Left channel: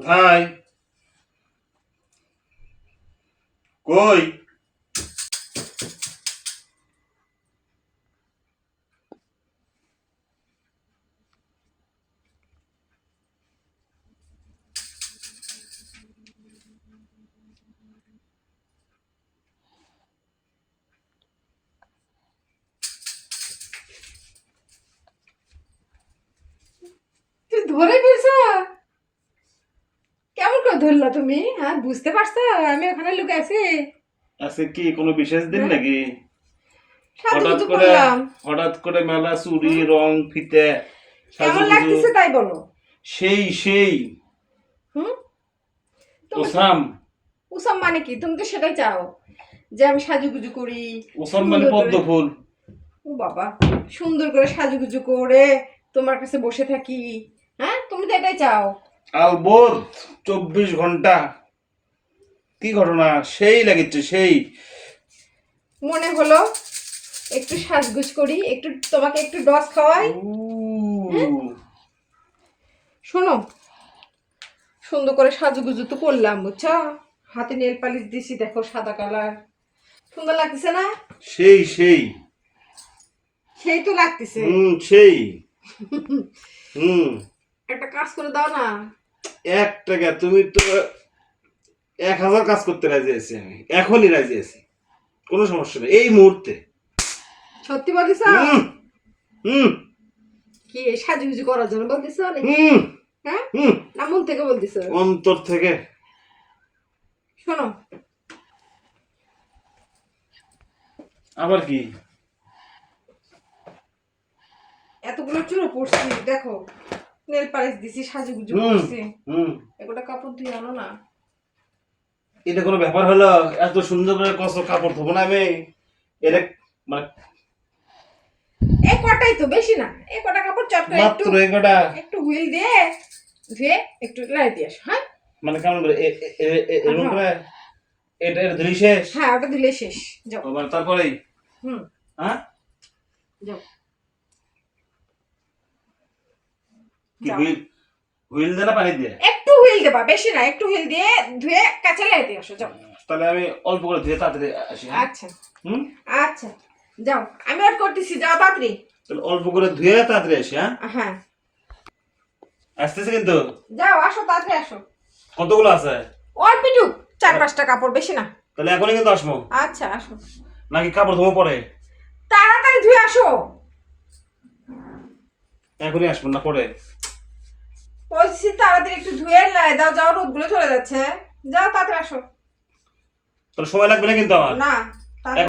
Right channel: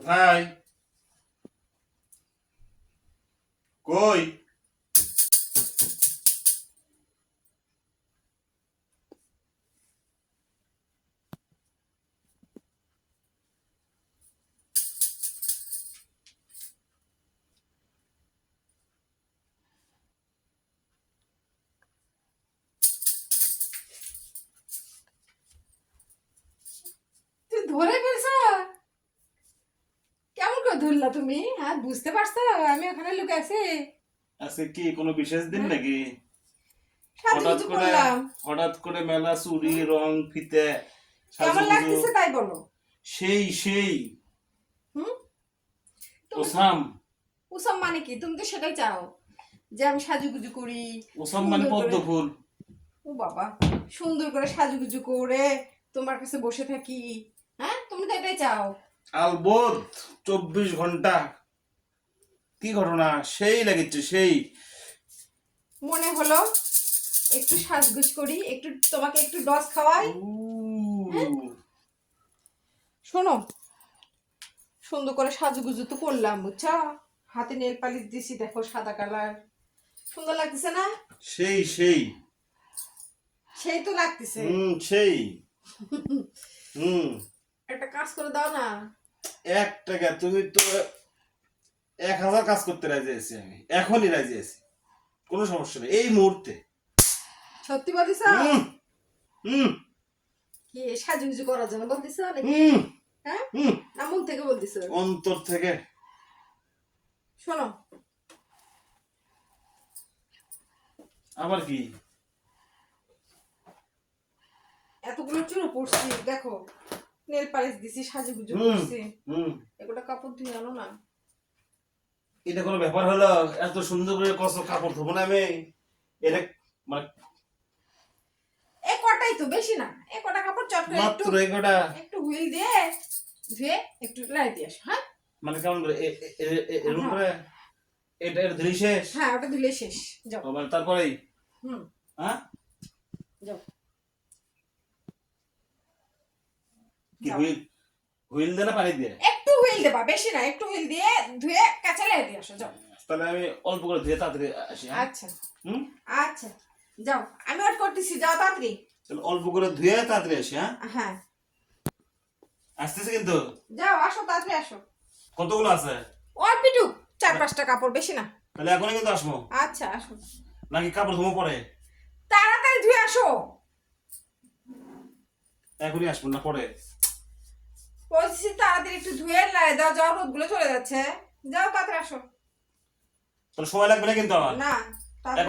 কোথায়? কই? তুই ধরে ফেলছো? কেমন করে ধরলা তুমি? হ্যাঁ, বুঝতে পারছো আমি ওখানে লুকে আছি? আজকে কি কোনো বিশেষ দিন হ্যাঁ? নাকি? হঠাৎ সাজুগুজু করে করলাম। হঠাৎ করে মেলা চুড়ি হুম? রং ফিতে কেমন সাজুগুজু লাগতেছে তাই বলো। সেই হুম? তুমি ওসাম। উসাম মানে কি? তুমি তো সেটাই চাও যে আমি সাজুগুজু করি, ওসাম মানে সুন্দর করে। পদ্ম ফুল। ও বাবা, সুন্দর করে সাজুগুজু করে তোমার কাছে বসে থাকি। হ্যাঁ, তুমি তো এটাই চাও। আলবোধ 24 ঘন্টা। কি ঘটনা? সেই লাগিচ্ছে সেই। মনে হলো একটু সাজগুজ করি, একটু তোমাকে একটু ডস খাওয়াই। হ্যাঁ, শোনো, সুন্দর করে সাজুগুজু তো করলাম, বুঝছো? হাতে নেল পালিশ দিছি, দেখো সাদা কালার, সুন্দর লাগতেছে না? সেই সেই তো লাগতেছে। সেই হুম। একটা কাজ করে দাও না। 1 টাকা তুমি তো 1000 কাজ করতে রাজি আছি, আমি এখনই রাজি আছি, কোনো সমস্যা নেই এই মুহূর্তে। সত্যি বলতেছ? হুম হুম কি সাজুগুজু করার জন্য বলতেছ নাকি? হুম হ্যাঁ, হুম না মন থেকে বলতেছ? অন্তর থেকে। শোনো, আবার কি? এতগুলো চুরো পড়ছি, দেখো নেল পালিশ দিছি, সাজুগুজু হুম করছি, হুম একটা কাপড় ধুয়ে আনো না। এটা কোনো ব্যাপার হলো? এত সুন্দর করে কত কাপড় ধোবো না আমি? এটা মানে এই কটাই তো, বেশি না। এই কটা কাপড় চট করে একটু মাত্র এগোটা? একটু হুইল দিয়ে ধুয়ে একটু লাই দিয়ে আসো। হ্যাঁ, মানে কেমন করে এরকম করে এটা ধরি শেষ? হ্যাঁ, ওটা দিলে শেষ। যাও। মানে তারপরেই? হুম, হ্যাঁ, যাও কি যাও। হুইল? হুইল দিয়ে না পানি দিয়ে? একটু হুইল দেবা, বেশি না, একটু হুইল দিয়ে ধুয়ে কাঁচা লাই দিয়ে আসো। যাও। তাহলে আমি অল্প করে ধুয়ে তাড়াতাড়ি আসি, হ্যাঁ? আচ্ছা হুম, আচ্ছা, যাও, আমি আর করতেছি, যাও তাড়াতাড়ি। তাহলে অল্প করে ধুয়ে তাড়াতাড়ি আসি, হ্যাঁ? হ্যাঁ, আসতেছে কিন্তু। যাও, আসো তাড়াতাড়ি আসো। কতগুলো আছে? অল্প একটু, 4-5টা কাপড়, বেশি না। তাহলে এখনই কিন্তু আসবো আচ্ছা, আসো নাকি কাপড় ধোবো পরে? তাড়াতাড়ি, ধুয়ে আসো। এখনই আসবো না পরে? বলছি তাড়াতাড়ি একটু ধুয়ে লাই দাও, যাও, রোদগুলো চলে যাচ্ছে। যাও তাড়াতাড়ি আসো। তাহলে সময় লাগবে না কিন্তু আমার। না, তাড়াতাড়ি